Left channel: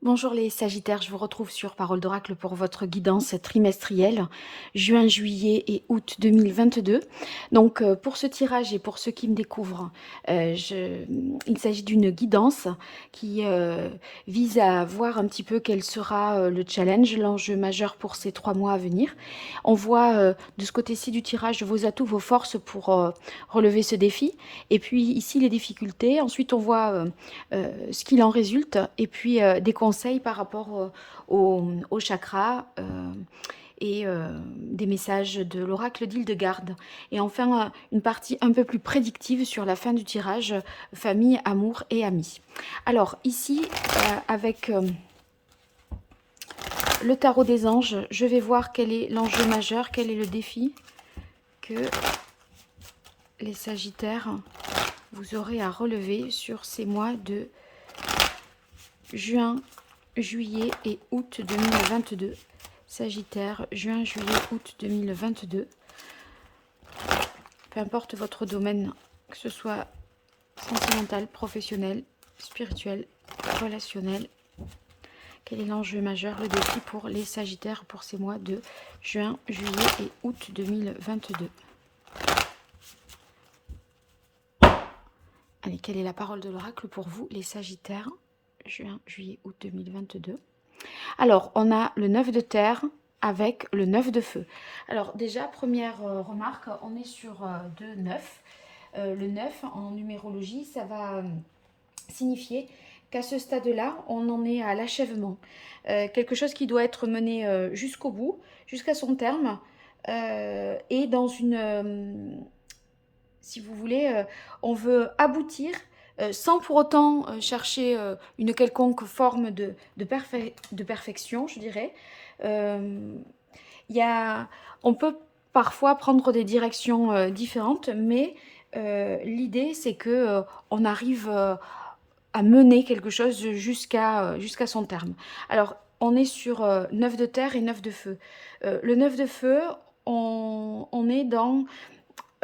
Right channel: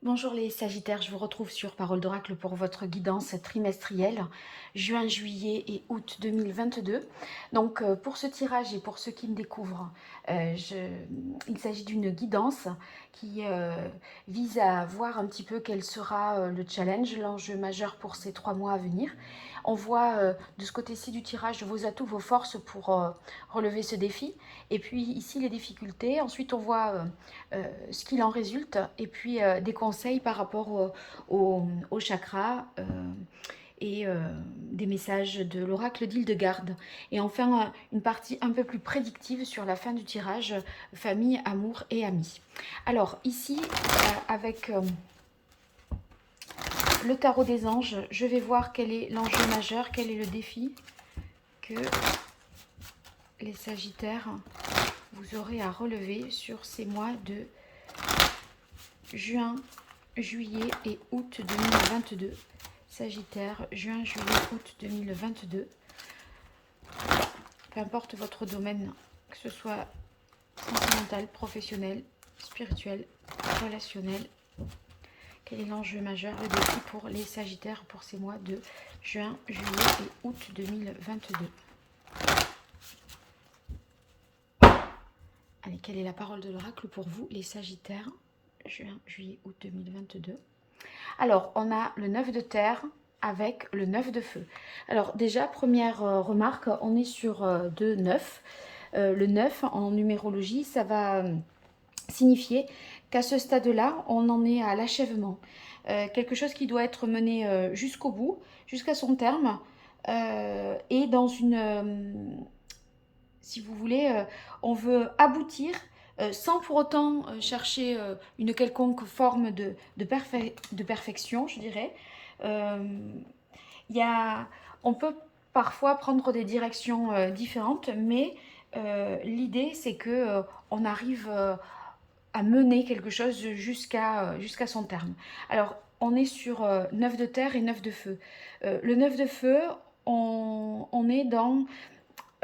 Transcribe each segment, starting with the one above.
Bonjour les Sagittaires, je vous retrouve sur Parole d'Oracle pour votre guidance trimestrielle, juin, juillet et août 2022. Donc pour ce tirage et pour ceux qui me découvrent, il s'agit d'une guidance qui vise à voir un petit peu quel sera le challenge, l'enjeu majeur pour ces 3 mois à venir. On voit de ce côté-ci du tirage vos atouts, vos forces pour relever ce défi. Et puis ici les difficultés. Ensuite on voit ce qu'il en résulte et puis des conseils par rapport au chakra et des messages de l'oracle d'Hildegarde. Et enfin, une partie un peu plus prédictive sur la fin du tirage, famille, amour et amis. Alors ici, avec le tarot des anges, je vais voir quel est l'enjeu majeur, quel est le défi que les Sagittaires, vous aurez à relever sur ces mois de juin, juillet et août 2022. Sagittaire, juin, juillet, août 2022. Peu importe votre domaine, que ce soit sentimental, professionnel, spirituel, relationnel. Quel est l'enjeu majeur, le défi pour les Sagittaires pour ces mois de juin, juillet et août 2022? Allez, quelle est la parole de l'oracle pour vous, les Sagittaires, juin, juillet, août 2022? Alors, on a le 9 de terre avec le 9 de feu. Alors déjà, première remarque, on est sur 2 9. Le 9 en numérologie, ça va signifier qu'à ce stade-là, on en est à l'achèvement. Quelque chose qui doit être mené jusqu'au bout, jusqu'à son terme, et dans une, si vous voulez, on veut aboutir sans pour autant chercher une quelconque forme de perfection, je dirais. Euh, y a, on peut parfois prendre des directions différentes, mais l'idée, c'est que on arrive à mener quelque chose jusqu'à son terme. Alors, on est sur 9 de terre et 9 de feu. Le 9 de feu, on est dans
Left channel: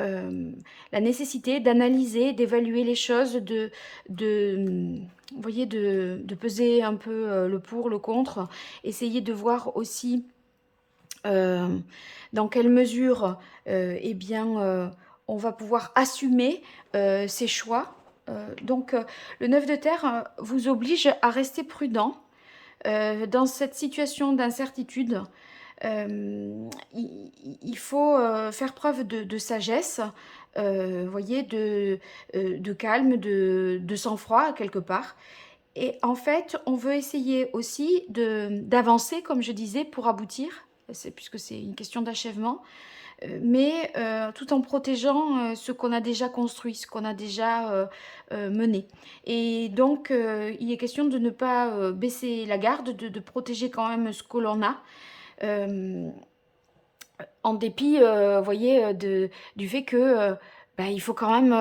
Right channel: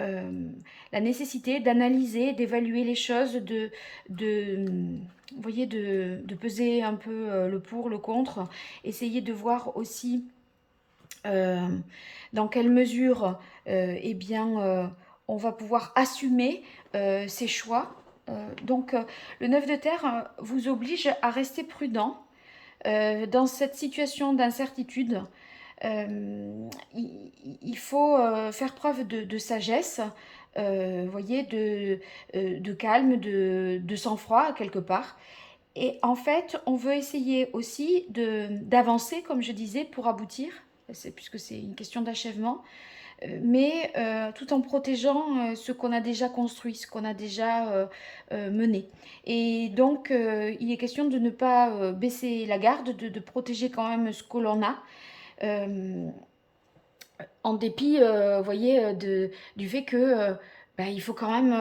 euh, la nécessité d'analyser, d'évaluer les choses, vous voyez, de peser un peu le pour, le contre, essayer de voir aussi euh, dans quelle mesure eh bien, on va pouvoir assumer ses choix. Le 9 de terre vous oblige à rester prudent dans cette situation d'incertitude. Il faut faire preuve de sagesse, voyez, de calme, de sang-froid quelque part. Et en fait, on veut essayer aussi d'avancer, comme je disais, pour aboutir, puisque c'est une question d'achèvement, mais tout en protégeant ce qu'on a déjà construit, ce qu'on a déjà mené. Et donc, il est question de ne pas baisser la garde, de protéger quand même ce que l'on a, euh, en dépit, voyez, du fait que bah, il faut quand même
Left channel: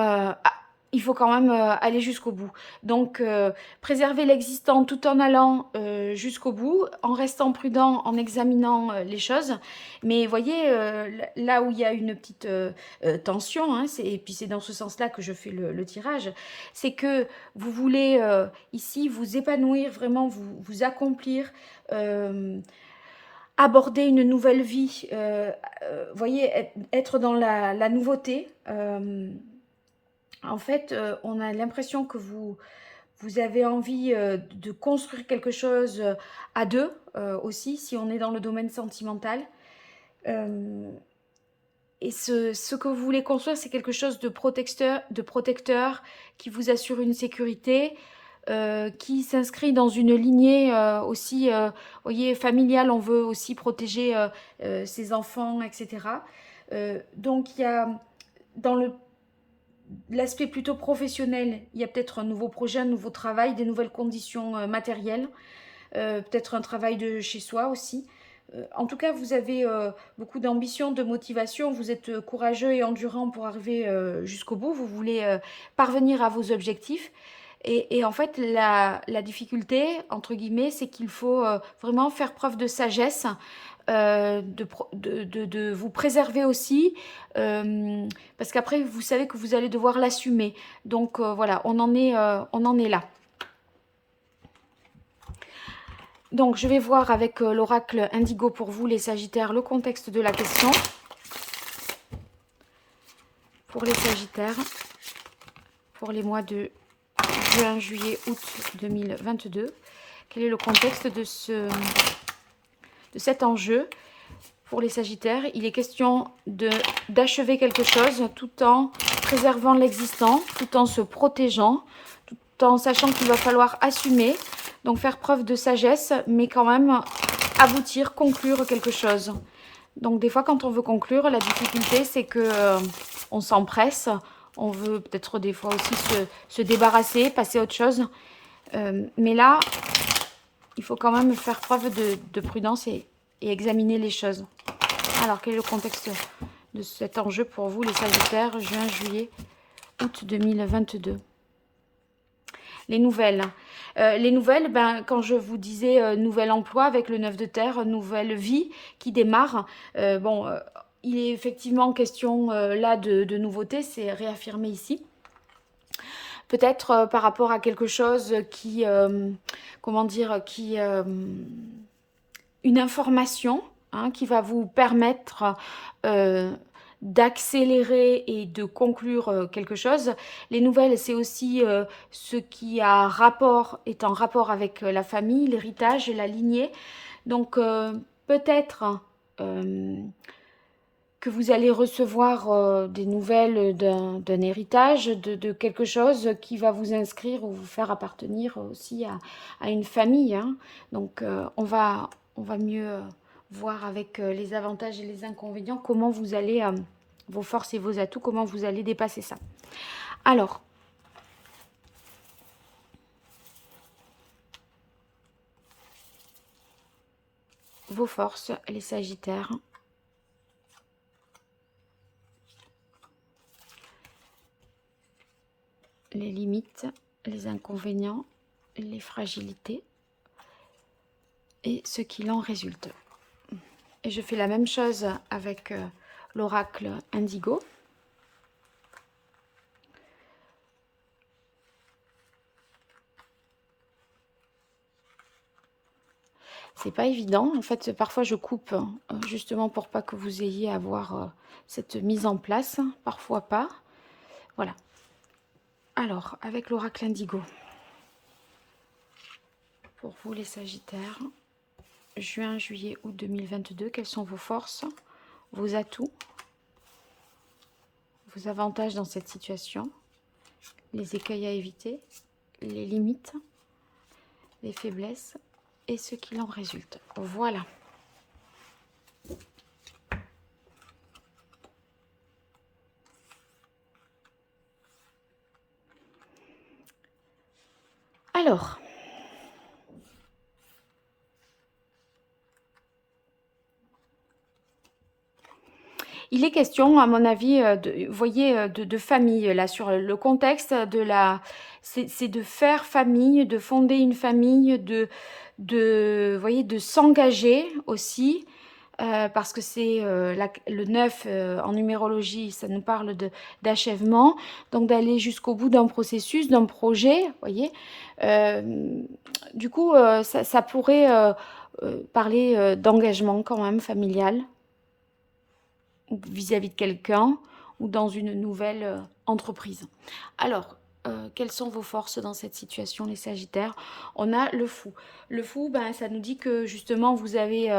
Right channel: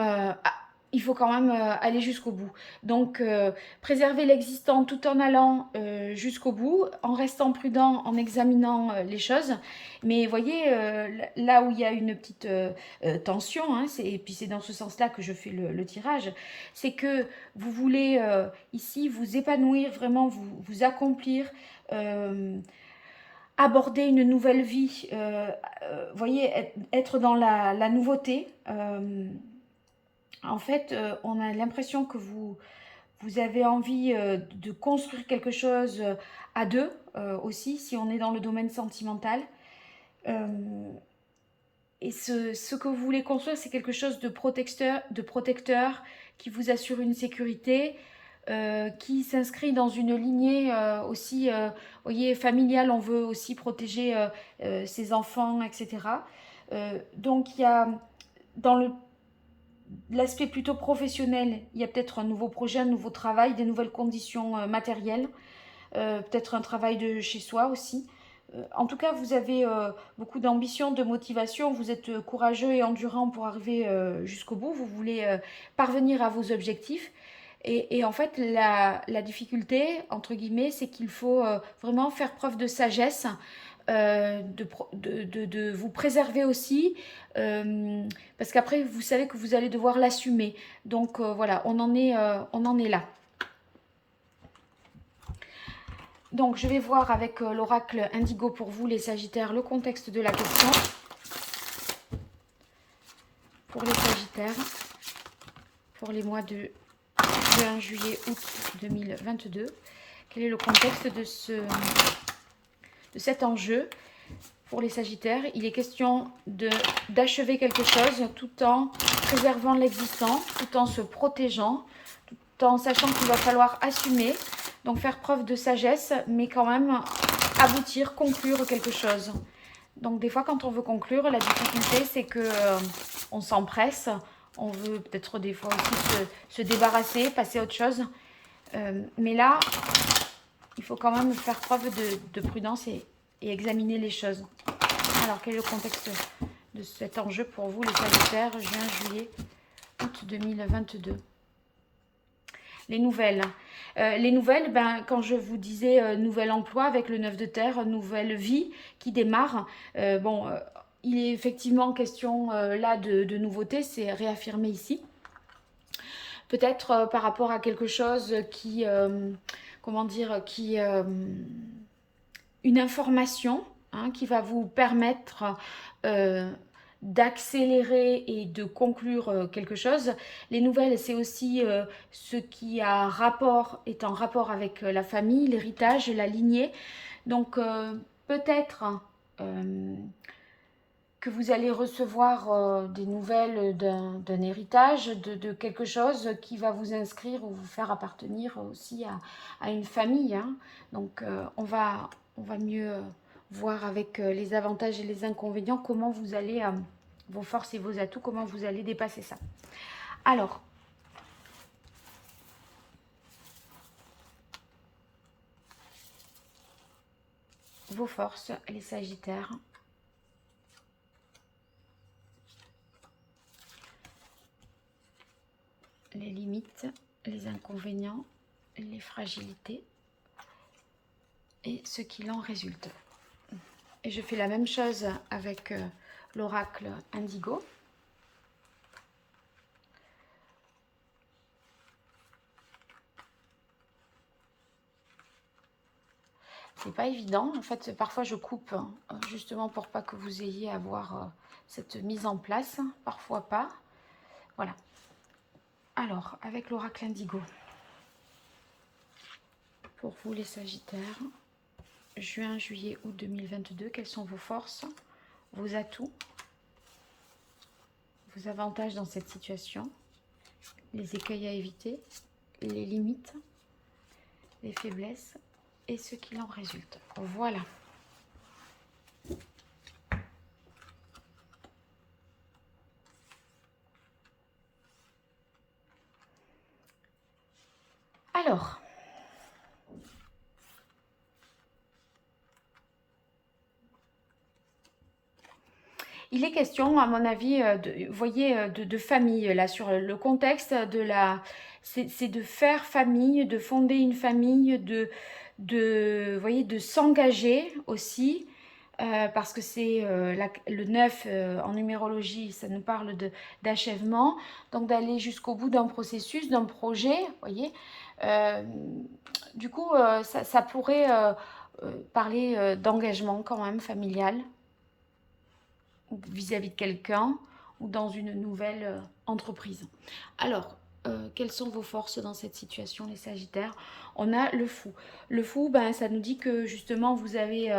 aller jusqu'au bout. Donc, préserver l'existant tout en allant jusqu'au bout, en restant prudent, en examinant les choses. Mais voyez, là où il y a une petite tension, hein, et puis c'est dans ce sens-là que je fais le tirage, c'est que vous voulez ici vous épanouir, vraiment vous accomplir. euh, Aborder une nouvelle vie, voyez, être dans la nouveauté. En fait, on a l'impression que vous avez envie de construire quelque chose à deux aussi, si on est dans le domaine sentimental. Euh, et ce que vous voulez construire, c'est quelque chose de protecteur qui vous assure une sécurité, qui s'inscrit dans une lignée aussi, voyez, familiale. On veut aussi protéger ses enfants, etc. Donc il y a dans l'aspect plutôt professionnel, il y a peut-être un nouveau projet, un nouveau travail, des nouvelles conditions matérielles, peut-être un travail de chez soi aussi. En tout cas, vous avez beaucoup d'ambition, de motivation, vous êtes courageux et endurant pour arriver jusqu'au bout, vous voulez parvenir à vos objectifs. En fait, la difficulté, entre guillemets, c'est qu'il faut vraiment faire preuve de sagesse, de vous préserver aussi, parce qu'après, vous savez que vous allez devoir l'assumer. Donc voilà, on en est là. Donc, je vais voir avec l'oracle Indigo pour vous, les Sagittaires, le contexte de la question. Pour les Sagittaires, pour les mois de juin, juillet, août 2022. Quel est le contexte de cet enjeu pour les Sagittaires? Il est question d'achever quelque chose tout en préservant l'existant, tout en se protégeant, tout en sachant qu'il va falloir assumer, donc faire preuve de sagesse, mais quand même aboutir, conclure quelque chose. Donc des fois quand on veut conclure, la difficulté c'est que on s'empresse, on veut peut-être des fois aussi se débarrasser, passer à autre chose. Mais là, il faut quand même faire preuve de prudence et examiner les choses. Alors, quel est le contexte de cet enjeu pour vous, les Sagittaires, juin, juillet, août 2022? Les nouvelles. Les nouvelles, quand je vous disais nouvel emploi avec le 9 de terre, nouvelle vie qui démarre, il est effectivement question là de nouveauté, c'est réaffirmé ici. Peut-être par rapport à quelque chose qui, une information qui va vous permettre d'accélérer et de conclure quelque chose. Les nouvelles, c'est aussi ce qui est en rapport avec la famille, l'héritage, la lignée. Donc peut-être que vous allez recevoir des nouvelles d'un héritage, de quelque chose qui va vous inscrire ou vous faire appartenir aussi à une famille. Donc on va mieux voir avec les avantages et les inconvénients comment vous allez, vos forces et vos atouts, comment vous allez dépasser ça. Alors, vos forces, les Sagittaires. Les limites, les inconvénients, les fragilités et ce qu'il en résulte. Et je fais la même chose avec l'oracle Indigo. C'est pas évident. En fait, parfois je coupe justement pour pas que vous ayez à voir cette mise en place. Parfois pas. Voilà. Alors, avec l'oracle Indigo, pour vous les Sagittaires, juin, juillet, août 2022, quelles sont vos forces, vos atouts, vos avantages dans cette situation, les écueils à éviter, les limites, les faiblesses et ce qu'il en résulte. Voilà. Alors, il est question, à mon avis, vous voyez, de famille, là, sur le contexte de la... C'est de faire famille, de fonder une famille, vous voyez, de s'engager aussi, parce que c'est le 9 en numérologie, ça nous parle d'achèvement, donc d'aller jusqu'au bout d'un processus, d'un projet, vous voyez. Du coup, ça pourrait parler d'engagement quand même familial, vis-à-vis de quelqu'un ou dans une nouvelle entreprise. Alors, quelles sont vos forces dans cette situation, les Sagittaires? On a le fou. Le fou, ça nous dit que justement, vous avez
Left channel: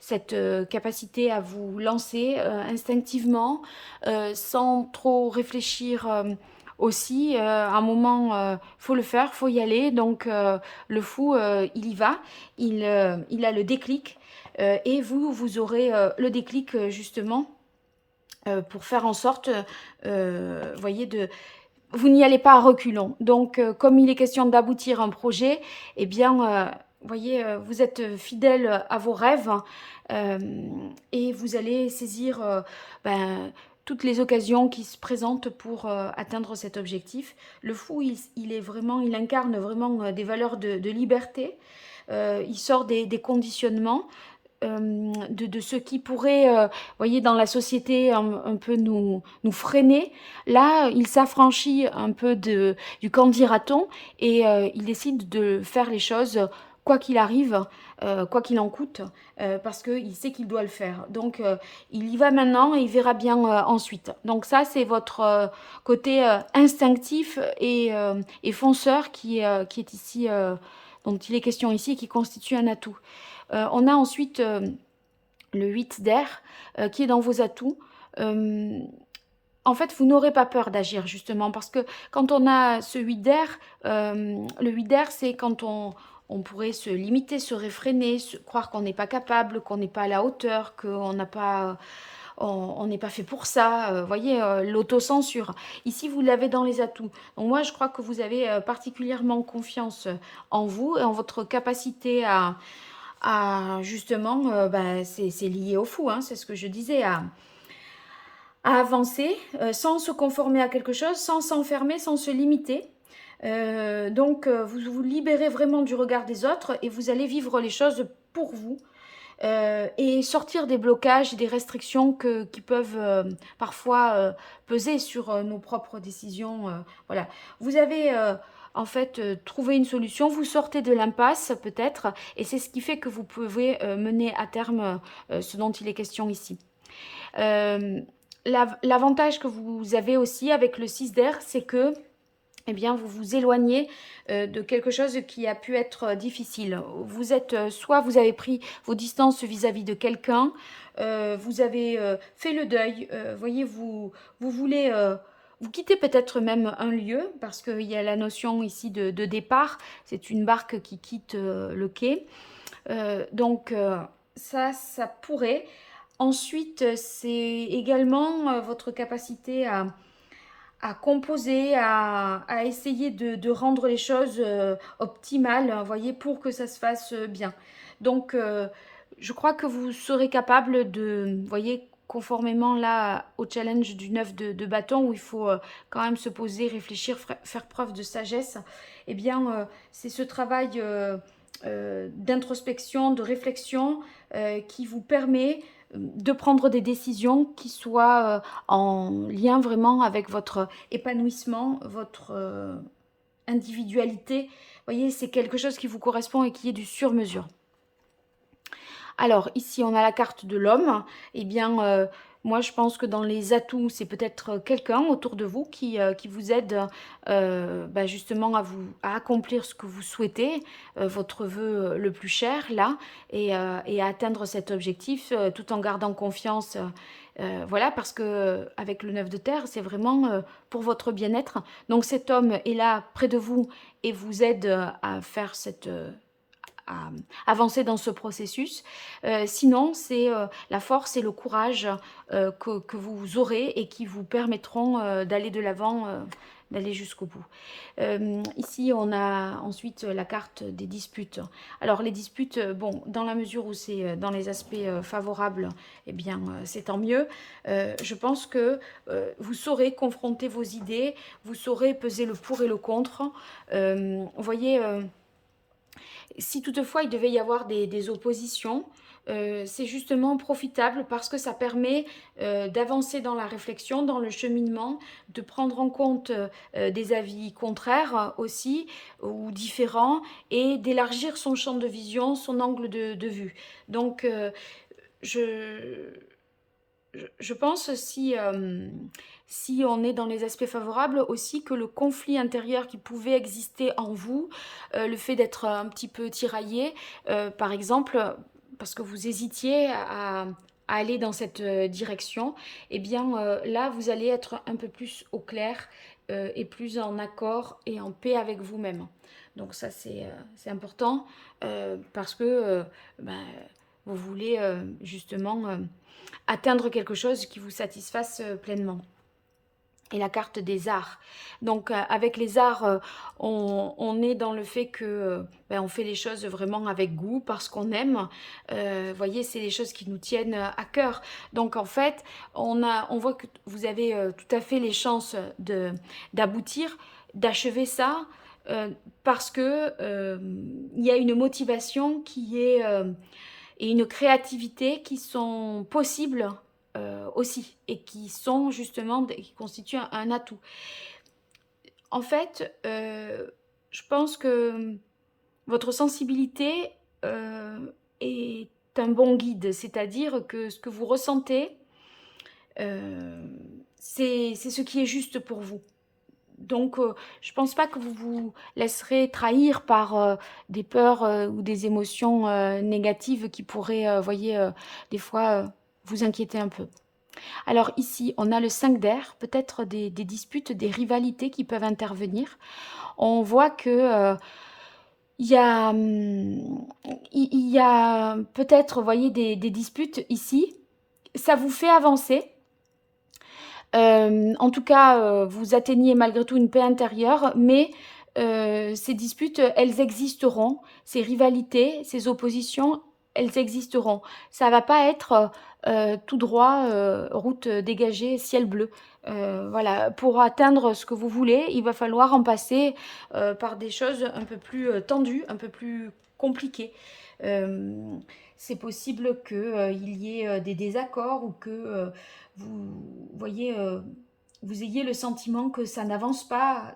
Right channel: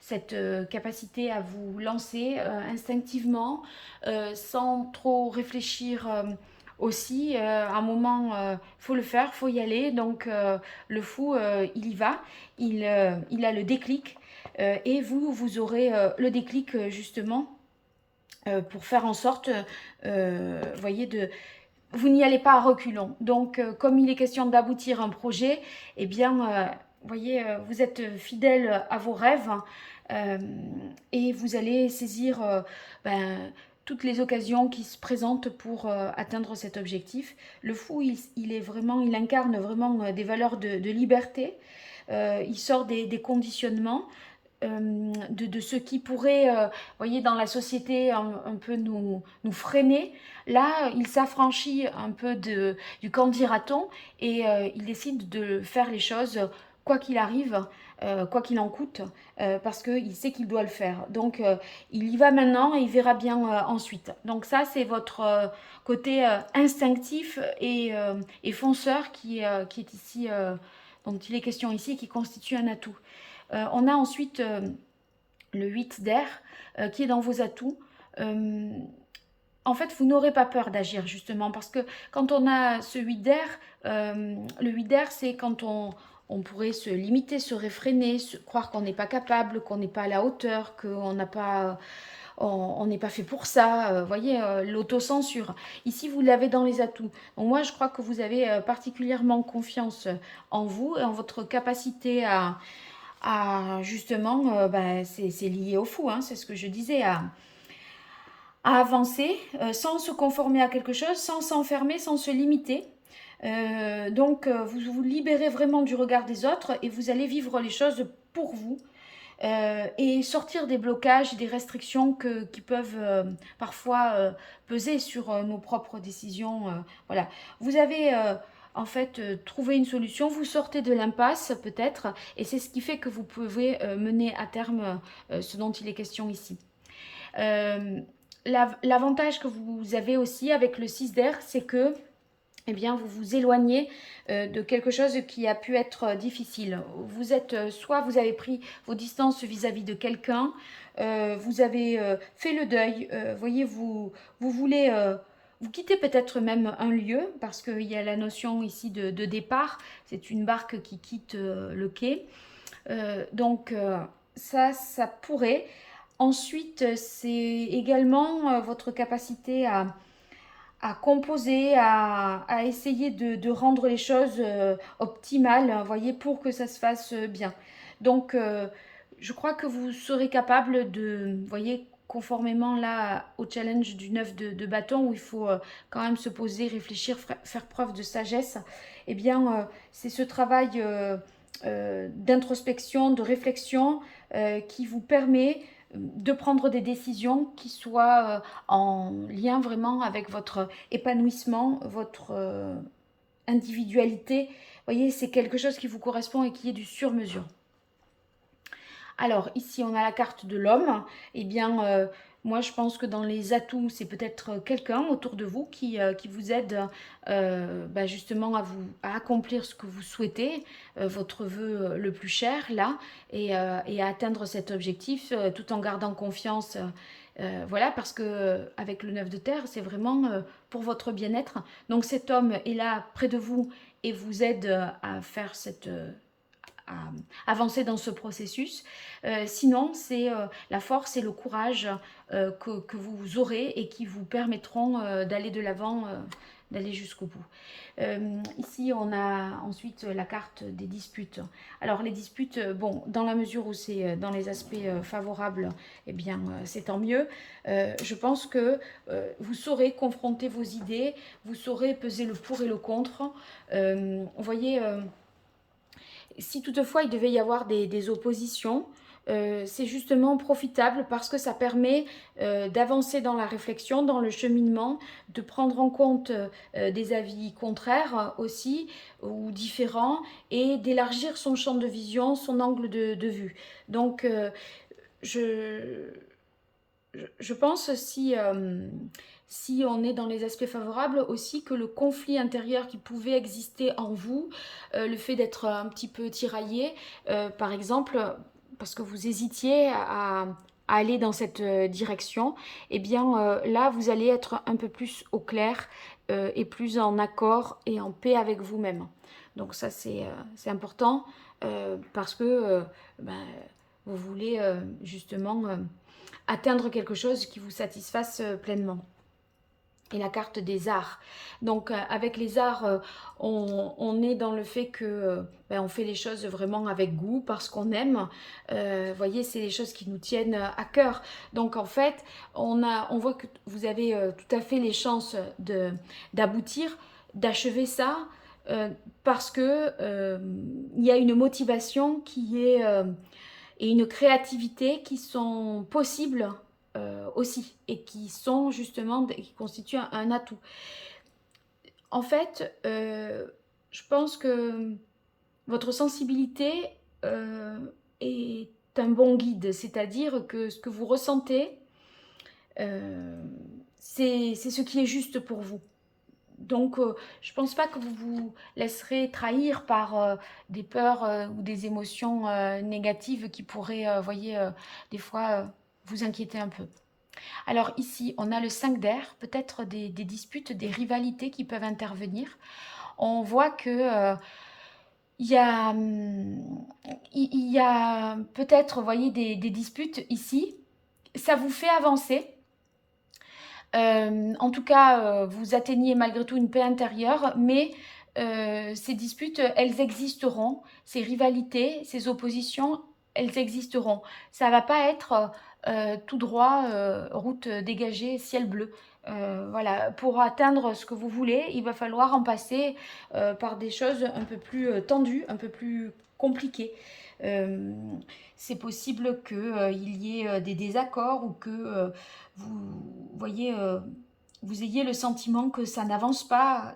cette capacité à vous lancer instinctivement, sans trop réfléchir aussi. À un moment, faut le faire, faut y aller. Donc, le fou, il y va. Il a le déclic. Et vous aurez le déclic, justement, pour faire en sorte, voyez, vous n'y allez pas à reculons. Donc, comme il est question d'aboutir un projet, eh bien, voyez, vous êtes fidèle à vos rêves et vous allez saisir toutes les occasions qui se présentent pour atteindre cet objectif. Le fou, il incarne vraiment des valeurs de liberté. Il sort des conditionnements. De ce qui pourrait, voyez, dans la société un peu nous freiner. Là, il s'affranchit un peu du qu'en dira-t-on et il décide de faire les choses quoi qu'il arrive, quoi qu'il en coûte, parce qu'il sait qu'il doit le faire. Donc, il y va maintenant et il verra bien ensuite. Donc ça, c'est votre côté instinctif et fonceur qui est ici, dont il est question ici, et qui constitue un atout. On a ensuite le 8 d'air, qui est dans vos atouts. Euh, En fait, vous n'aurez pas peur d'agir, justement, parce que quand on a ce 8 d'air, le 8 d'air, c'est quand on pourrait se limiter, se réfréner, croire qu'on n'est pas capable, qu'on n'est pas à la hauteur, qu'on n'a pas, on n'est pas fait pour ça. Voyez, l'autocensure. Ici, vous l'avez dans les atouts. Donc moi, je crois que vous avez particulièrement confiance en vous et en votre capacité justement, c'est lié au fou, hein, c'est ce que je disais, à avancer sans se conformer à quelque chose, sans s'enfermer, sans se limiter. Donc, vous vous libérez vraiment du regard des autres et vous allez vivre les choses pour vous et sortir des blocages, des restrictions qui peuvent parfois peser sur nos propres décisions. Voilà. Vous avez en fait trouvé une solution, vous sortez de l'impasse peut-être, et c'est ce qui fait que vous pouvez mener à terme ce dont il est question ici. Euh, L'avantage que vous avez aussi avec le 6 d'air, c'est que eh bien, vous vous éloignez de quelque chose qui a pu être difficile. Vous êtes, soit vous avez pris vos distances vis-à-vis de quelqu'un, vous avez fait le deuil, voyez, vous voulez, vous quittez peut-être même un lieu, parce qu'il y a la notion ici de départ, c'est une barque qui quitte le quai. Donc, ça pourrait. Ensuite, c'est également votre capacité à composer, à essayer de rendre les choses optimales, hein, voyez, pour que ça se fasse bien. Donc, je crois que vous serez capable de, voyez, conformément là au challenge du 9 de bâton, où il faut quand même se poser, réfléchir, faire preuve de sagesse, eh bien, c'est ce travail d'introspection, de réflexion qui vous permet de prendre des décisions qui soient en lien vraiment avec votre épanouissement, votre individualité. Vous voyez, c'est quelque chose qui vous correspond et qui est du sur-mesure. Alors, ici, on a la carte de l'homme. Eh bien, moi, je pense que dans les atouts, c'est peut-être quelqu'un autour de vous qui vous aide justement à accomplir ce que vous souhaitez, votre vœu le plus cher, là, et à atteindre cet objectif tout en gardant confiance. Voilà, parce que avec le 9 de terre, c'est vraiment pour votre bien-être. Donc cet homme est là près de vous et vous aide à faire à avancer dans ce processus. Sinon, c'est la force et le courage que vous aurez et qui vous permettront d'aller de l'avant, d'aller jusqu'au bout. Ici, on a ensuite la carte des disputes. Alors, les disputes, bon, dans la mesure où c'est dans les aspects favorables, eh bien, c'est tant mieux. Je pense que vous saurez confronter vos idées, vous saurez peser le pour et le contre. Vous voyez, si toutefois il devait y avoir des oppositions, c'est justement profitable parce que ça permet d'avancer dans la réflexion, dans le cheminement, de prendre en compte des avis contraires aussi ou différents et d'élargir son champ de vision, son angle de vue. Donc, je, je pense si on est dans les aspects favorables aussi que le conflit intérieur qui pouvait exister en vous, le fait d'être un petit peu tiraillé, par exemple, parce que vous hésitiez à aller dans cette direction, eh bien là, vous allez être un peu plus au clair et plus en accord et en paix avec vous-même. Donc ça, c'est important parce que ben, vous voulez justement atteindre quelque chose qui vous satisfasse pleinement. Et la carte des arts. Donc avec les arts, on est dans le fait que on fait les choses vraiment avec goût, parce qu'on aime. Voyez, c'est les choses qui nous tiennent à cœur. Donc en fait, on voit que vous avez tout à fait les chances d'aboutir, d'achever ça, parce que il y a une motivation qui est et une créativité qui sont possibles aussi et qui sont justement, qui constituent un atout. En fait, je pense que votre sensibilité est un bon guide, c'est-à-dire que ce que vous ressentez, c'est ce qui est juste pour vous. Donc, je ne pense pas que vous vous laisserez trahir par des peurs ou des émotions négatives qui pourraient, voyez, des fois vous inquiéter un peu. Alors ici, on a le 5 d'air, peut-être des disputes, des rivalités qui peuvent intervenir. On voit que il y a, il y a peut-être, voyez, des disputes ici. Ça vous fait avancer. En tout cas, vous atteignez malgré tout une paix intérieure, mais ces disputes, elles existeront. Ces rivalités, ces oppositions, elles existeront. Ça va pas être tout droit, route dégagée, ciel bleu. Voilà, pour atteindre ce que vous voulez, il va falloir en passer par des choses un peu plus tendues, un peu plus compliquées. Euh, c'est possible qu'il y ait des désaccords ou que vous voyez, vous ayez le sentiment que ça n'avance pas,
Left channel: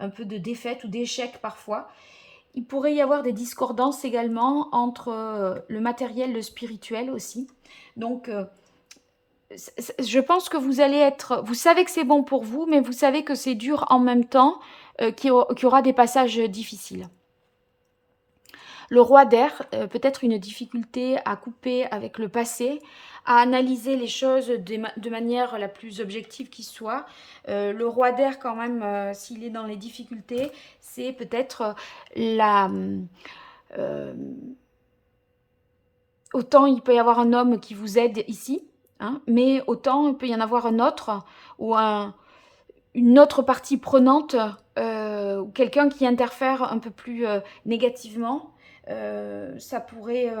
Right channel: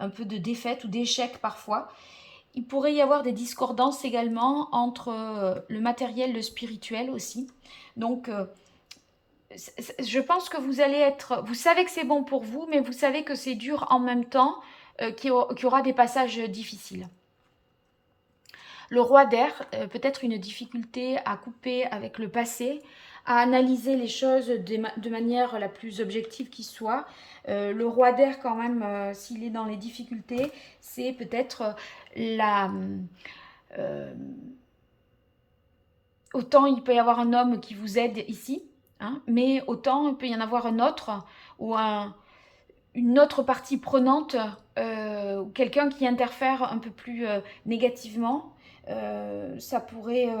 un peu de défaite ou d'échec parfois. Il pourrait y avoir des discordances également entre le matériel et le spirituel aussi. Donc, je pense que vous allez être, vous savez que c'est bon pour vous, mais vous savez que c'est dur en même temps, qu'il y aura des passages difficiles. Le roi d'air, peut-être une difficulté à couper avec le passé, à analyser les choses de manière la plus objective qui soit. Le roi d'air, quand même, s'il est dans les difficultés, c'est peut-être la... euh, autant il peut y avoir un homme qui vous aide ici, hein, mais autant il peut y en avoir un autre ou une autre partie prenante, ou quelqu'un qui interfère un peu plus négativement. Ça pourrait,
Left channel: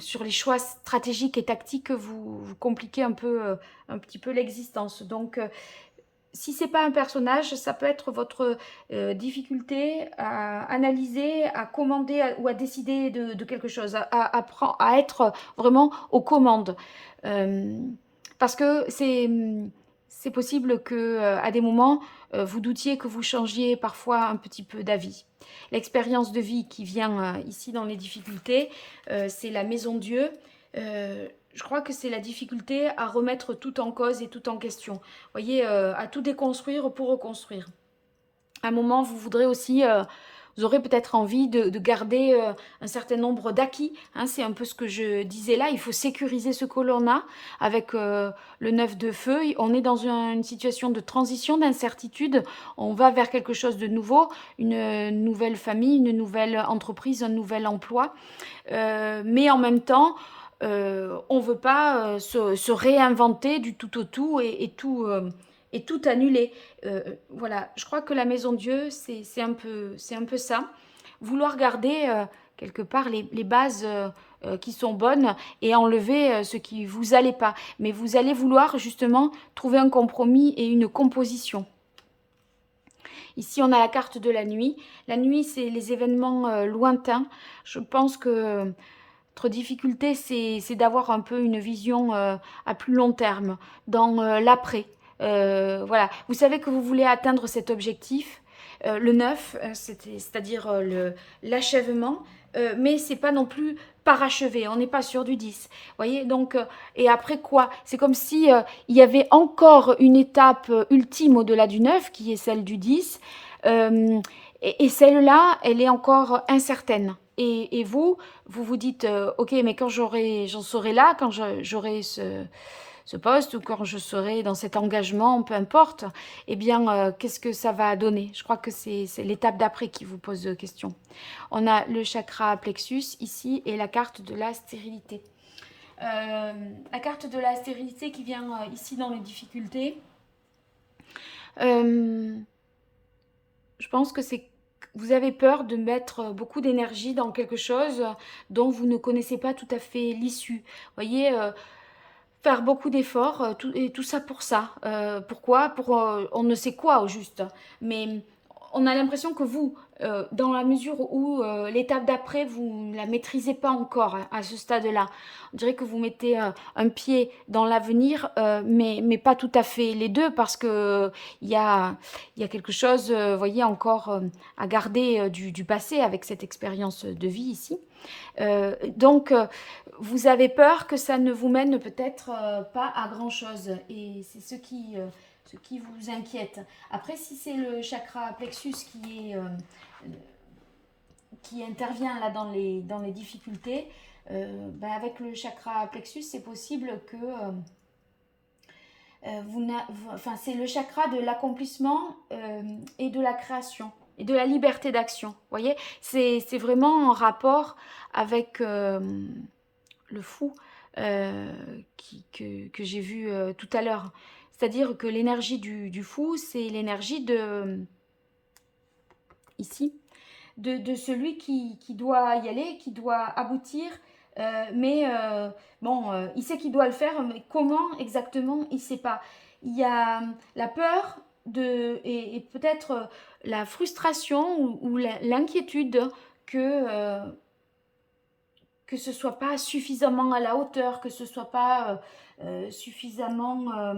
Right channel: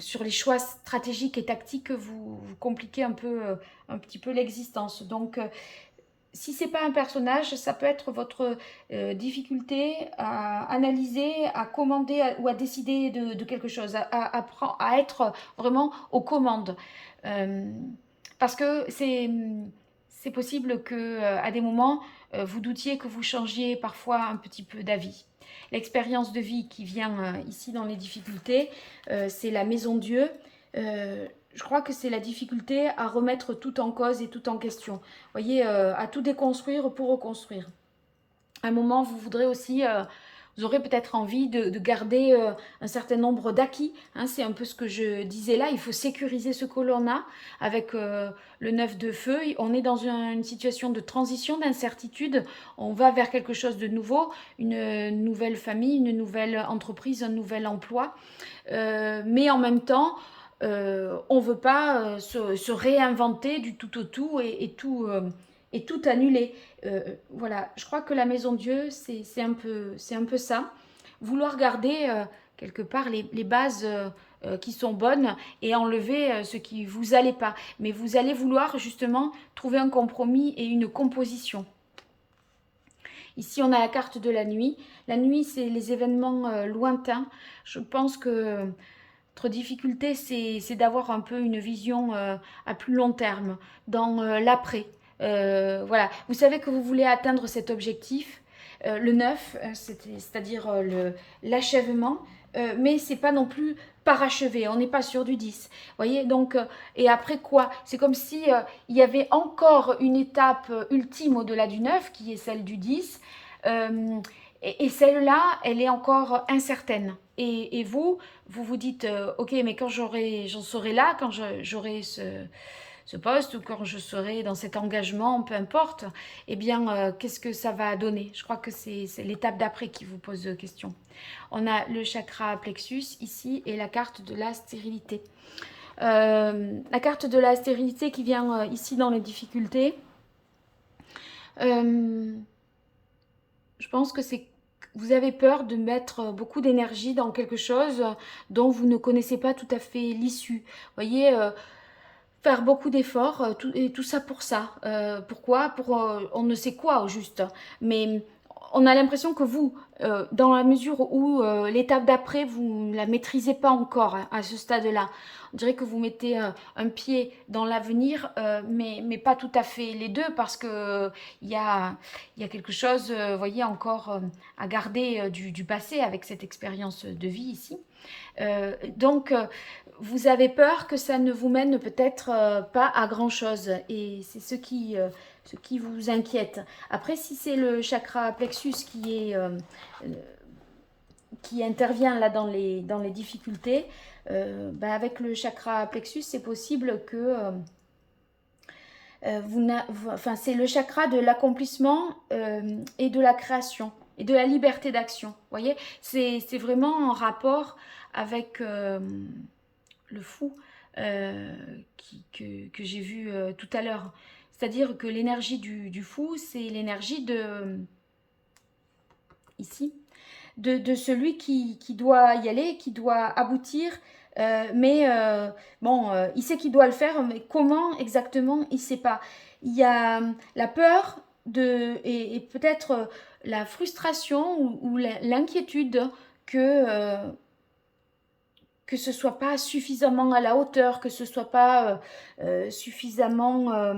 sur les choix stratégiques et tactiques, vous compliquer un petit peu l'existence. Donc, si c'est pas un personnage, ça peut être votre difficulté à analyser, à commander ou à décider de quelque chose, à être vraiment aux commandes. Euh, Parce que c'est possible que à des moments, vous doutiez que vous changiez parfois un petit peu d'avis. L'expérience de vie qui vient ici dans les difficultés, c'est la maison Dieu. Je crois que c'est la difficulté à remettre tout en cause et tout en question. Vous voyez, à tout déconstruire pour reconstruire. À un moment, vous voudrez aussi, vous aurez peut-être envie de garder un certain nombre d'acquis. Hein, c'est un peu ce que je disais là. Il faut sécuriser ce que l'on a avec le 9 de feu. On est dans une situation de transition, d'incertitude. On va vers quelque chose de nouveau, une nouvelle famille, une nouvelle entreprise, un nouvel emploi. Mais en même temps, on ne veut pas se réinventer du tout au tout et tout annuler. Voilà, je crois que la maison Dieu, c'est un peu ça. Vouloir garder quelque part les bases qui sont bonnes et enlever ce qui vous allait pas. Mais vous allez vouloir justement trouver un compromis et une composition. Ici, on a la carte de la nuit. La nuit, c'est les événements lointains. Je pense que notre difficulté, c'est d'avoir un peu une vision à plus long terme, dans l'après. Voilà, vous savez que vous voulez atteindre cet objectif, le 9, c'est-à-dire l'achèvement, mais c'est pas non plus parachevé, on n'est pas sur du 10. Voyez, donc, et après quoi? C'est comme si il y avait encore une étape ultime au-delà du 9, qui est celle du 10, euh, et celle-là, elle est encore incertaine. Et vous vous dites, ok, mais quand j'en serai là, quand j'aurai ce poste ou quand je serai dans cet engagement, peu importe, eh bien, qu'est-ce que ça va donner? Je crois que c'est l'étape d'après qui vous pose question. On a le chakra plexus ici et la carte de la stérilité. La carte de la stérilité qui vient ici dans les difficultés. Je pense que c'est vous avez peur de mettre beaucoup d'énergie dans quelque chose dont vous ne connaissez pas tout à fait l'issue. Vous voyez, faire beaucoup d'efforts, et tout ça pour ça. Pourquoi? Pour on ne sait quoi au juste. Mais on a l'impression que vous, dans la mesure où l'étape d'après, vous ne la maîtrisez pas encore hein, à ce stade-là. On dirait que vous mettez un pied dans l'avenir, mais pas tout à fait les deux, parce que il y a quelque chose, vous voyez, encore à garder du passé avec cette expérience de vie ici. Donc, vous avez peur que ça ne vous mène peut-être pas à grand-chose, et c'est ce qui vous inquiète. Après, si c'est le chakra plexus qui intervient là dans les difficultés, bah, avec le chakra plexus, c'est possible que enfin, c'est le chakra de l'accomplissement et de la création et de la liberté d'action. Vous voyez, c'est vraiment en rapport avec le fou que j'ai vu tout à l'heure. C'est-à-dire que l'énergie du fou, c'est l'énergie de, ici, de celui qui doit y aller, qui doit aboutir, bon, il sait qu'il doit le faire, mais comment exactement, il ne sait pas. Il y a la peur et peut-être la frustration ou l'inquiétude que ce soit pas suffisamment à la hauteur, que ce soit pas suffisamment,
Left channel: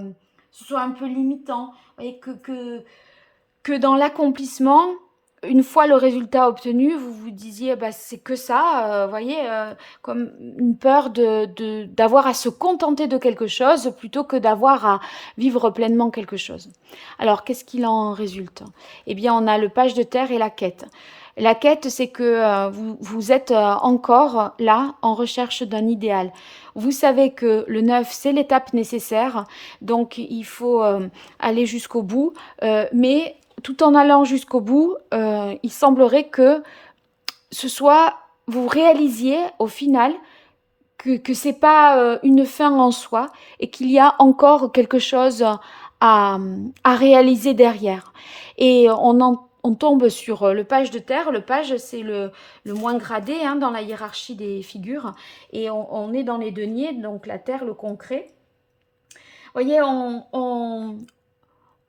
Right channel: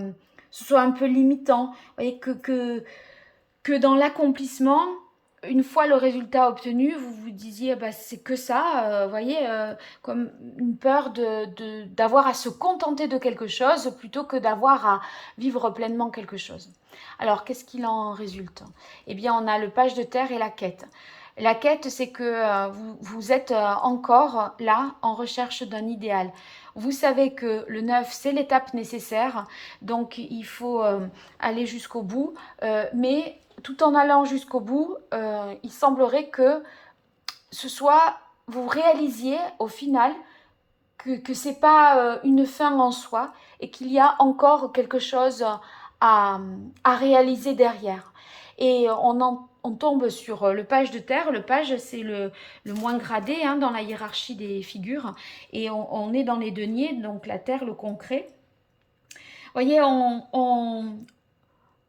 ce soit un peu limitant, et que dans l'accomplissement, une fois le résultat obtenu, vous vous disiez, bah, c'est que ça, voyez, comme une peur d'avoir à se contenter de quelque chose plutôt que d'avoir à vivre pleinement quelque chose. Alors, qu'est-ce qu'il en résulte? Eh bien, on a le page de terre et la quête. La quête, c'est que vous êtes encore là en recherche d'un idéal. Vous savez que le 9, c'est l'étape nécessaire, donc il faut aller jusqu'au bout, mais tout en allant jusqu'au bout, il semblerait que ce soit, vous réalisiez au final que ce n'est pas une fin en soi et qu'il y a encore quelque chose à réaliser derrière. Et on tombe sur le page de terre. Le page, c'est le moins gradé hein, dans la hiérarchie des figures. Et on est dans les deniers, donc la terre, le concret. Vous voyez,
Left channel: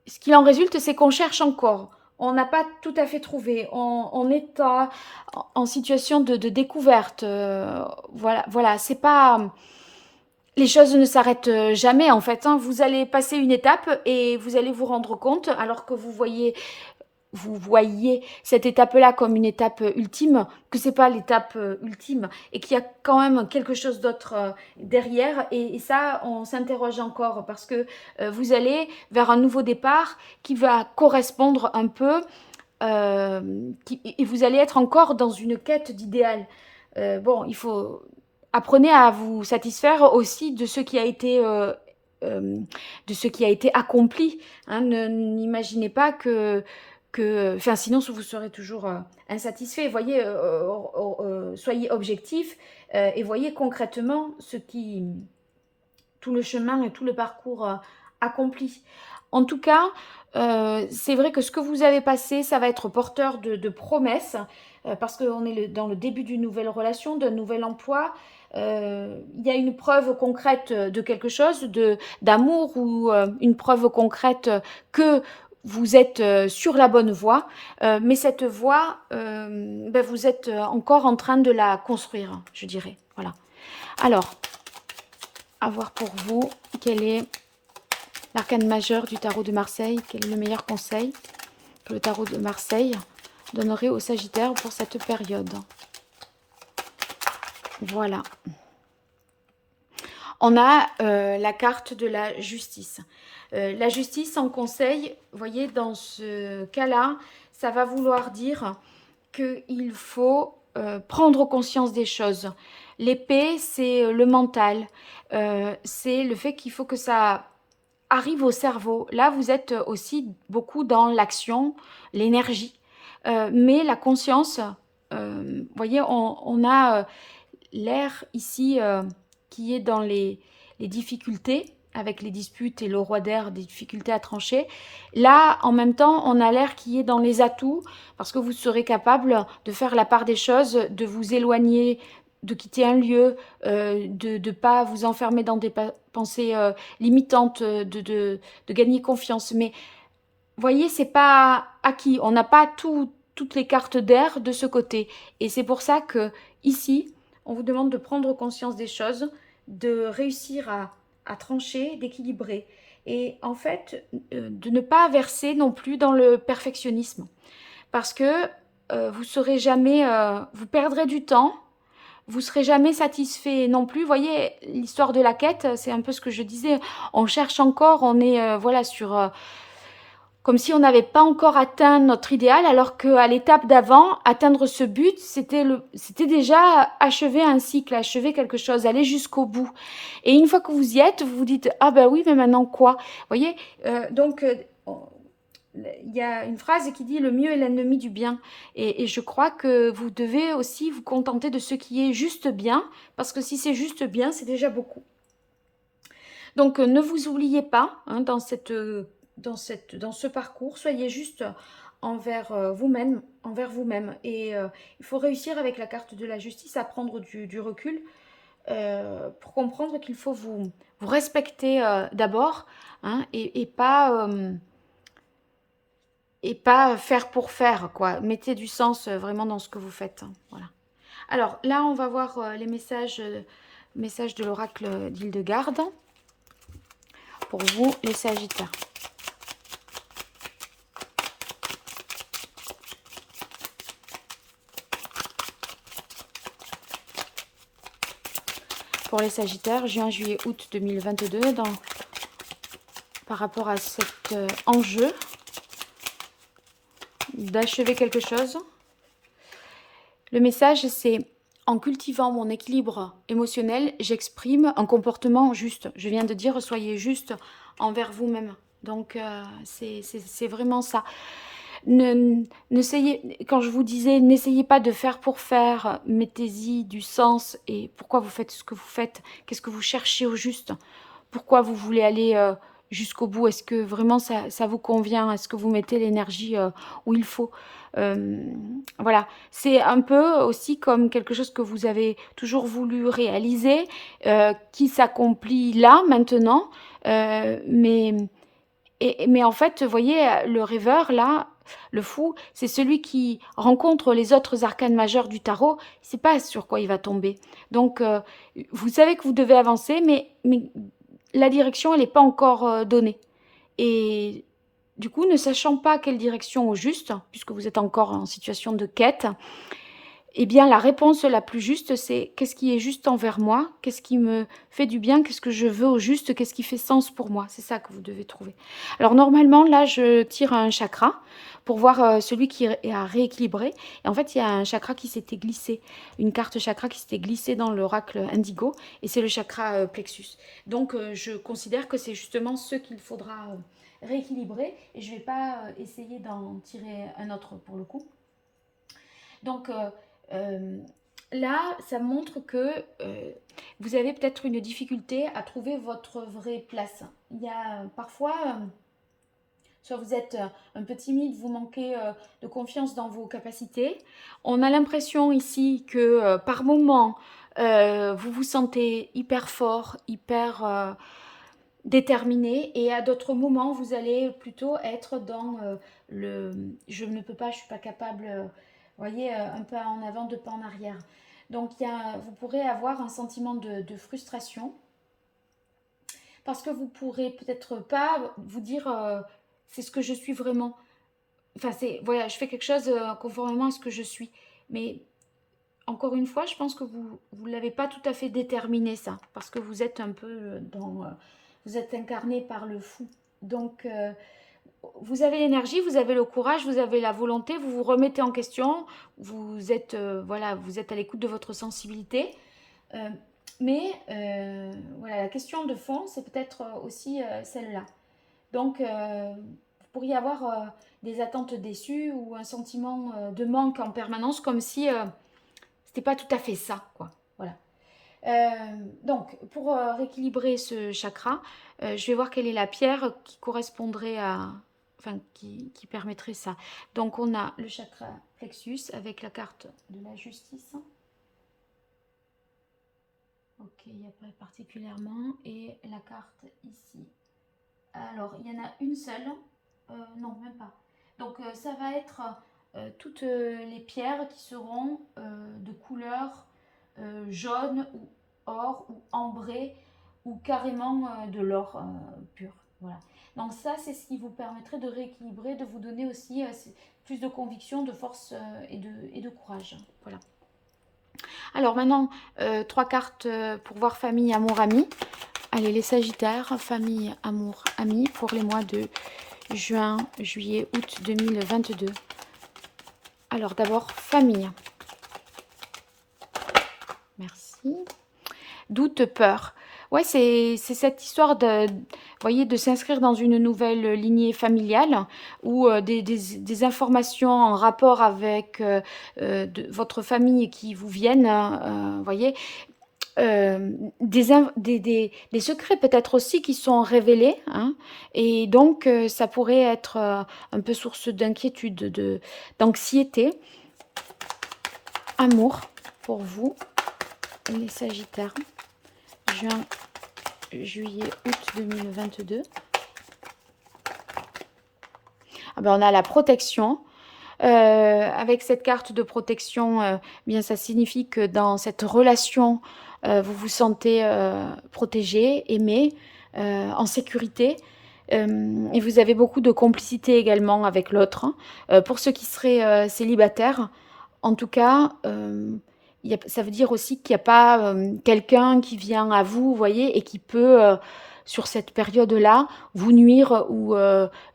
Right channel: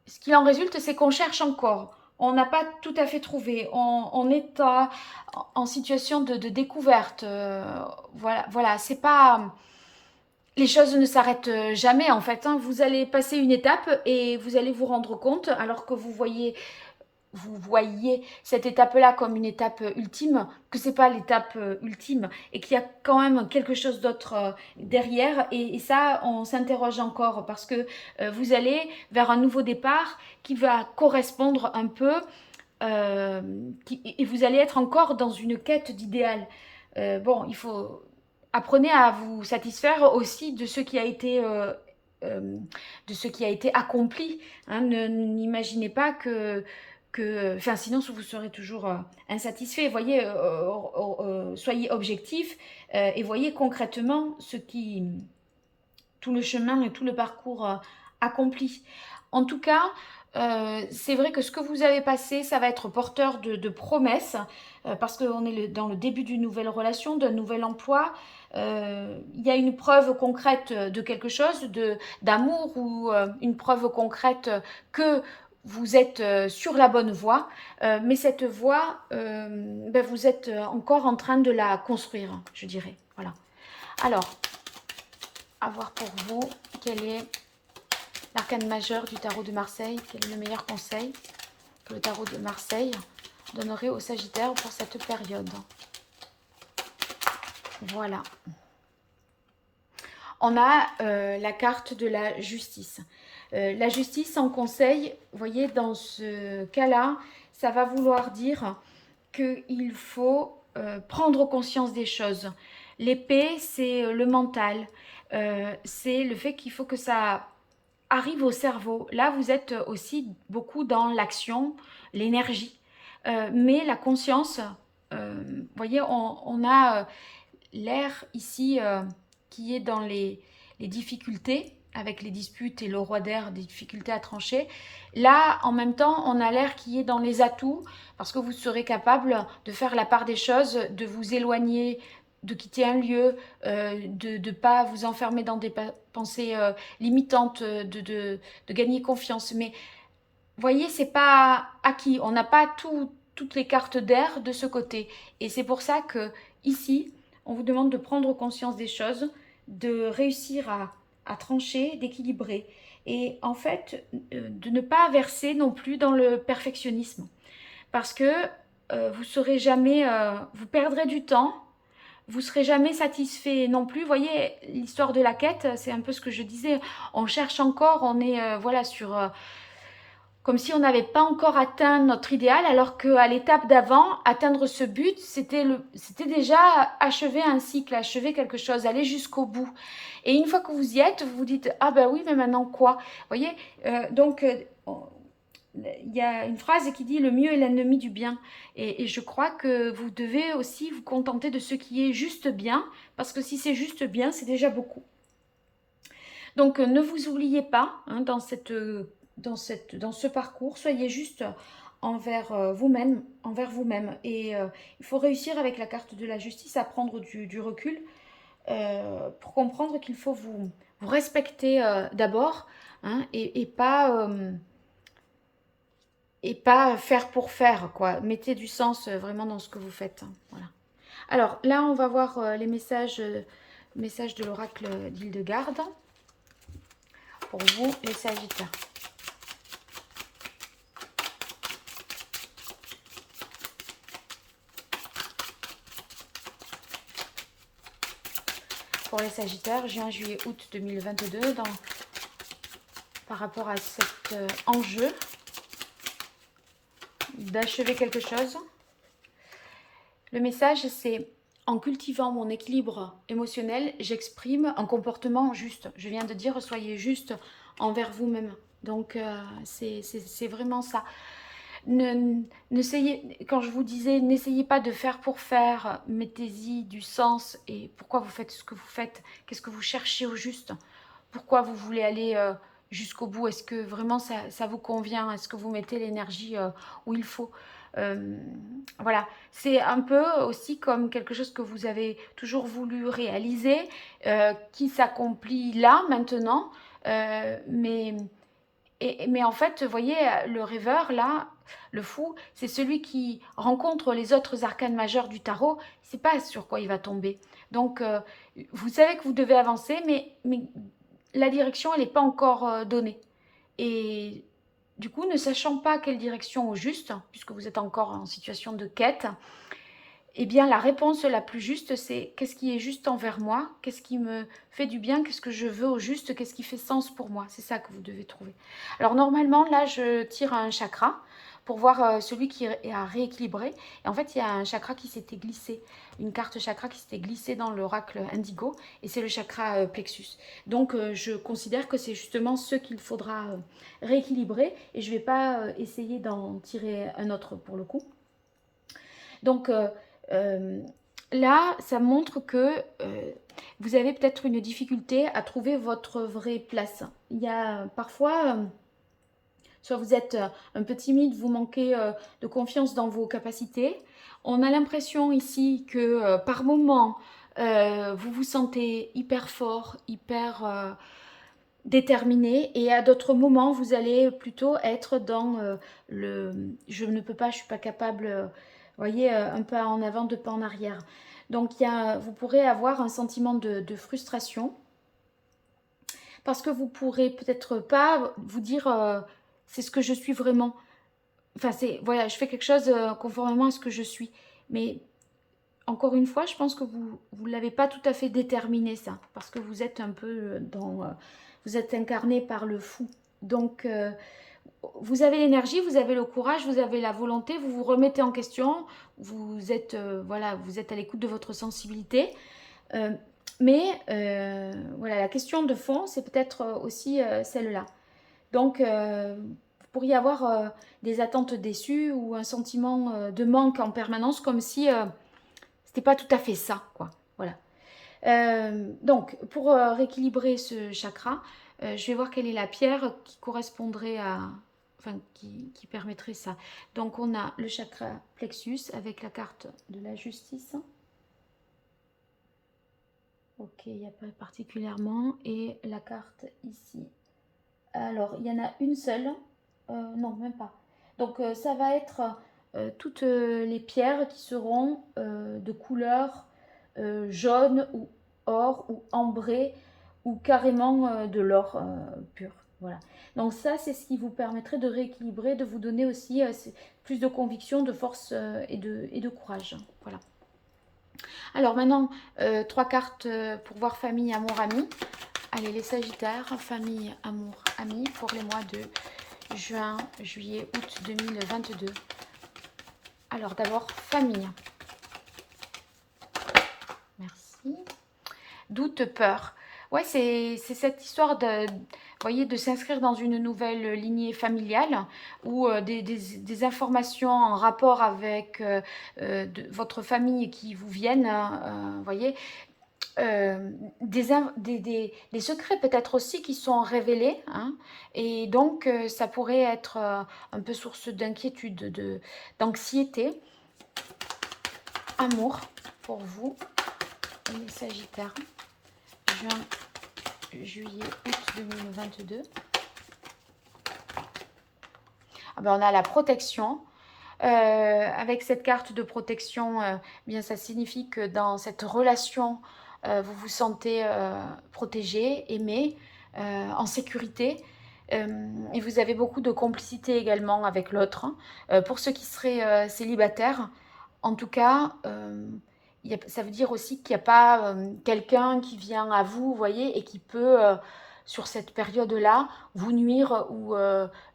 ce qu'il en résulte, c'est qu'on cherche encore. On n'a pas tout à fait trouvé. On est en situation de découverte. Voilà. C'est pas. Les choses ne s'arrêtent jamais en fait. Hein. Vous allez passer une étape et vous allez vous rendre compte, alors que vous voyez cette étape-là comme une étape ultime, que c'est pas l'étape ultime et qu'il y a quand même quelque chose d'autre derrière. Et ça, on s'interroge encore parce que vous allez vers un nouveau départ qui va correspondre un peu et vous allez être encore dans une quête d'idéal. Bon, il faut apprenez à vous satisfaire aussi de ce qui a été de ce qui a été accompli. Hein. N'imaginez pas enfin, sinon vous serez toujours insatisfait. Voyez, soyez objectif et voyez concrètement tout le chemin et tout le parcours accompli. En tout cas, c'est vrai que ce que vous avez passé, ça va être porteur de promesses, parce qu'on est dans le début d'une nouvelle relation, d'un nouvel emploi. Il y a une preuve concrète de quelque chose, d'amour, ou une preuve concrète que vous êtes sur la bonne voie, mais cette voie, ben, vous êtes encore en train de la construire, je dirais. Voilà. Alors, à voir pour vous, quel est l'arcane majeur du tarot de Marseille, quel est le meilleur conseil que le tarot de Marseille donnerait au Sagittaire pour cette période. Voilà. On a la carte de la justice. La justice en conseil, vous voyez, dans ce cas-là, ça va vouloir dire qu'il faut prendre conscience des choses. L'épée, c'est le mental. C'est le fait qu'il faut que ça arrive au cerveau. Là, vous êtes aussi beaucoup dans l'action, l'énergie. Mais la conscience, vous voyez, on a l'air ici qui est dans les difficultés, avec les disputes et le roi d'air, des difficultés à trancher. Là, en même temps, on a l'air qui est dans les atouts, parce que vous serez capable de faire la part des choses, de vous éloigner, de quitter un lieu, de ne pas vous enfermer dans des pensées limitantes, de gagner confiance. Mais voyez, c'est pas acquis. On n'a pas toutes les cartes d'air de ce côté. Et c'est pour ça que ici, on vous demande de prendre conscience des choses, de réussir à trancher, d'équilibrer. Et en fait, de ne pas verser non plus dans le perfectionnisme. Parce que vous serez jamais, vous perdrez du temps, vous serez jamais satisfait non plus. Vous voyez, l'histoire de la quête, c'est un peu ce que je disais. On cherche encore, on est voilà sur comme si on n'avait pas encore atteint notre idéal, alors qu'à l'étape d'avant, atteindre ce but, c'était déjà achever un cycle, achever quelque chose, aller jusqu'au bout. Et une fois que vous y êtes, vous vous dites, ah ben oui, mais maintenant quoi? Vous voyez, donc il y a une phrase qui dit le mieux est l'ennemi du bien. Et je crois que vous devez aussi vous contenter de ce qui est juste bien, parce que si c'est juste bien, c'est déjà beaucoup. Donc ne vous oubliez pas hein, dans ce parcours, soyez juste envers vous-même, Et il faut réussir avec la carte de la justice à prendre du recul pour comprendre qu'il faut vous respecter d'abord hein, et pas faire pour faire, quoi. Mettez du sens vraiment dans ce que vous faites. Hein, voilà. Alors là, on va voir les messages de l'oracle d'Hildegarde pour vous, les Sagittaires. Pour les Sagittaires, juin, juillet, août 2022, par rapport à cet enjeu d'achever quelque chose. Le message, c'est en cultivant mon équilibre émotionnel, j'exprime un comportement juste. Je viens de dire, soyez juste envers vous-même. Donc, c'est vraiment ça. Quand je vous disais, n'essayez pas de faire pour faire, mettez-y du sens et pourquoi vous faites ce que vous faites, qu'est-ce que vous cherchez au juste, pourquoi vous voulez aller jusqu'au bout, est-ce que vraiment ça vous convient, est-ce que vous mettez l'énergie où il faut. Voilà, c'est un peu aussi comme quelque chose que vous avez toujours voulu réaliser, qui s'accomplit là, maintenant, mais en fait, vous voyez, le rêveur, là, le fou, c'est celui qui rencontre les autres arcanes majeurs du tarot, il ne sait pas sur quoi il va tomber. Donc, vous savez que vous devez avancer, mais la direction, elle n'est pas encore donnée. Et du coup, ne sachant pas quelle direction au juste, puisque vous êtes encore en situation de quête, eh bien, la réponse la plus juste, c'est qu'est-ce qui est juste envers moi? Qu'est-ce qui me fait du bien? Qu'est-ce que je veux au juste? Qu'est-ce qui fait sens pour moi? C'est ça que vous devez trouver. Alors, normalement, là, je tire un chakra pour voir celui qui est à rééquilibrer. Et en fait, il y a un chakra qui s'était glissé, une carte chakra qui s'était glissée dans l'oracle indigo, et c'est le chakra plexus. Donc, je considère que c'est justement ce qu'il faudra rééquilibrer, et je ne vais pas essayer d'en tirer un autre pour le coup. Donc, euh, là, ça montre que vous avez peut-être une difficulté à trouver votre vraie place. Il y a parfois, soit vous êtes un peu timide, vous manquez de confiance dans vos capacités. On a l'impression ici que par moment, vous vous sentez hyper fort, hyper déterminé, et à d'autres moments, vous allez plutôt être dans le je ne peux pas, je suis pas capable, voyez, un pas en avant, deux pas en arrière. Donc vous pourrez avoir un sentiment de frustration parce que vous pourrez peut-être pas vous dire c'est ce que je suis vraiment. Enfin, c'est voilà, je fais quelque chose conformément à ce que je suis. Mais encore une fois, je pense que vous l'avez pas tout à fait déterminé ça, parce que vous êtes un peu vous êtes incarné par le fou. Donc, vous avez l'énergie, vous avez le courage, vous avez la volonté, vous vous remettez en question, vous êtes voilà, vous êtes à l'écoute de votre sensibilité. Euh, mais voilà, la question de fond, c'est peut-être aussi celle-là. Donc, vous pourriez avoir des attentes déçues ou un sentiment de manque en permanence, comme si c'était pas tout à fait ça, quoi. Voilà. Donc, pour rééquilibrer ce chakra, je vais voir quelle est la pierre qui correspondrait à... Enfin, qui permettrait ça. Donc, on a le chakra plexus avec la carte de la justice. Ok, il n'y a pas particulièrement. Et la carte ici. Alors, il y en a une seule. non, même pas. Donc, ça va être toutes les pierres qui seront de couleur jaune ou or ou ambré ou carrément de l'or pur. Voilà. Donc ça, c'est ce qui vous permettrait de rééquilibrer, de vous donner aussi plus de conviction, de force et de courage. Voilà. Alors maintenant, trois cartes pour voir famille, amour, ami. Allez, les Sagittaires, famille, amour, ami, pour les mois de juin, juillet, août 2022. Alors d'abord, famille. Merci. Doute, peur. Ouais, c'est cette histoire de, voyez, de s'inscrire dans une nouvelle lignée familiale ou des informations en rapport avec votre famille qui vous viennent, voyez, des secrets peut-être aussi qui sont révélés, hein, et donc ça pourrait être un peu source d'inquiétude, d'anxiété. Amour pour vous, les Sagittaires, juin, juillet, août 2022. Ah ben, on a la protection. Avec cette carte de protection, bien ça signifie que dans cette relation, vous vous sentez protégé, aimé, en sécurité. Et vous avez beaucoup de complicité également avec l'autre, hein. Pour ceux qui seraient célibataires, en tout cas, ça veut dire aussi qu'il n'y a pas quelqu'un qui vient à vous, vous voyez, et qui peut, sur cette période-là, vous nuire ou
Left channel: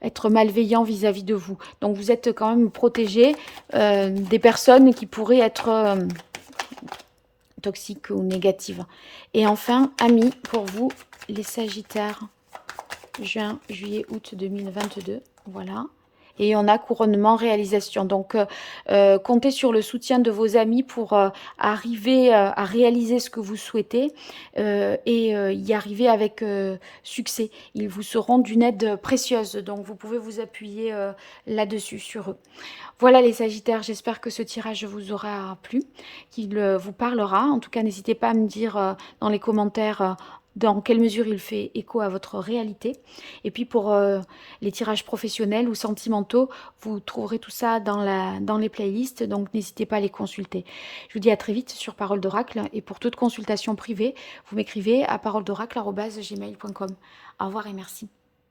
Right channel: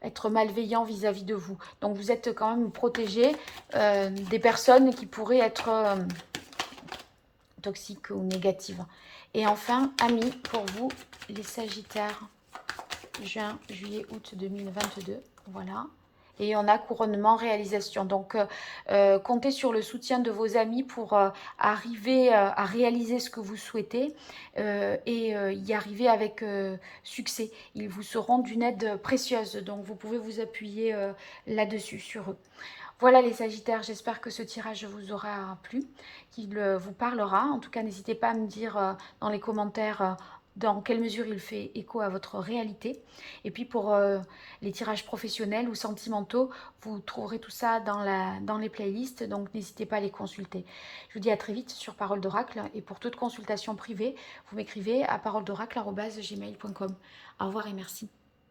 être malveillant vis-à-vis de vous. Donc vous êtes quand même protégé des personnes qui pourraient être toxiques ou négatives. Et enfin, amis, pour vous, les Sagittaires, juin, juillet, août 2022. Voilà. Et on a couronnement, réalisation. Donc, comptez sur le soutien de vos amis pour arriver à réaliser ce que vous souhaitez et y arriver avec succès. Ils vous seront d'une aide précieuse. Donc, vous pouvez vous appuyer là-dessus, sur eux. Voilà les Sagittaires, j'espère que ce tirage vous aura plu, qu'il vous parlera. En tout cas, n'hésitez pas à me dire dans les commentaires dans quelle mesure il fait écho à votre réalité. Et puis pour les tirages professionnels ou sentimentaux, vous trouverez tout ça dans les playlists, donc n'hésitez pas à les consulter. Je vous dis à très vite sur Parole d'Oracle, et pour toute consultation privée, vous m'écrivez à paroledoracle@gmail.com. Au revoir et merci.